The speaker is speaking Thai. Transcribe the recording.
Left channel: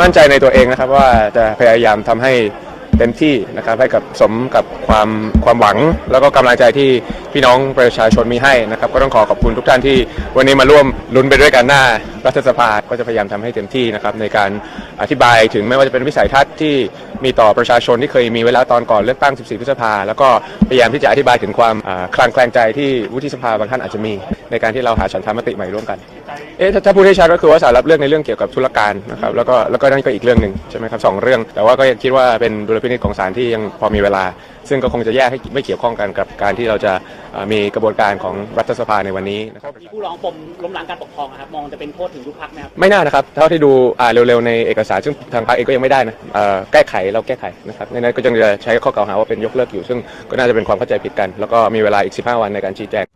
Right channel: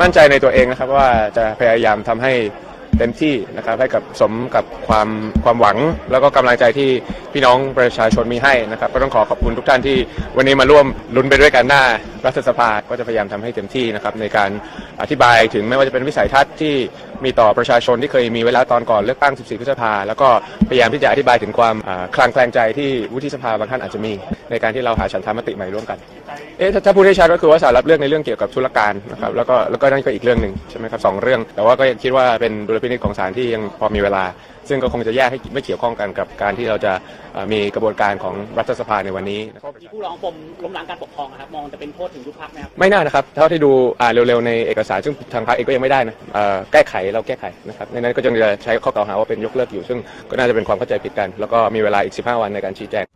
มั่นใจในตัวเองนะครับ ว่าจะพยายามทำให้เต็มที่นะครับให้กับสมกับความความหวัง แล้วก็กำลังใจที่ พี่น้องประชาชนมีให้นะครับก็ต้องขอขอบคุณทุกท่านที่วันนี้มาร่วมลุ้นไปด้วยกันหน้ารัฐสภาก็จะพยายามทำให้เต็มที่นะครับในการอธิบายถึงไม่ว่าจะเป็นวิสัยทัศน์ที่มีต่อประชาชนที่เคยมีเวลาตอนก่อนเลือกตั้ง 14 พฤษภา แล้วก็พยายามที่จะอธิบายถึงความคลางแคลงใจที่วุฒิสภาบางท่านอาจจะมี ในการที่เราหาฉันทามติใหม่ร่วมกันเอ๊ะถ้าพูดให้ชัดก็คือว่าสารรับเรื่องในเรื่องเกี่ยวกับธุรการนะครับแล้วก็แล้วก็นั่นก็อีกเรื่องหนึ่งใช่ไหมครับสองเรื่อง แต่ว่าก็ยังคิดว่าเป็นดุลพินิจของศาลที่ยังพอมีเวลา ซึ่งก็คงจะแยกให้ไม่เกี่ยวข้องกันกับการที่เราจะมีกระบวนการของรัฐสภาในวันนี้นะครับผู้ร้องปมล้มล้างการปกครองอะครับมองจะเป็นโทษถึงยุบพักนะครับไม่น่านะครับเท่าที่ดูอ่านเร็วๆในเอกสารซึ่งทางพรรคเองก็ยังไม่ได้นะอ่าแก้ไขเราแก้ไขนะครับในนั้นก็จะใช้ข้อกล่าวหาว่าเป็นยกเลิกอยู่ ซึ่งก็น่าจะเป็นความเข้าใจผิดกัน แล้วก็มีเวลาอีก 15 วันในการชี้แจง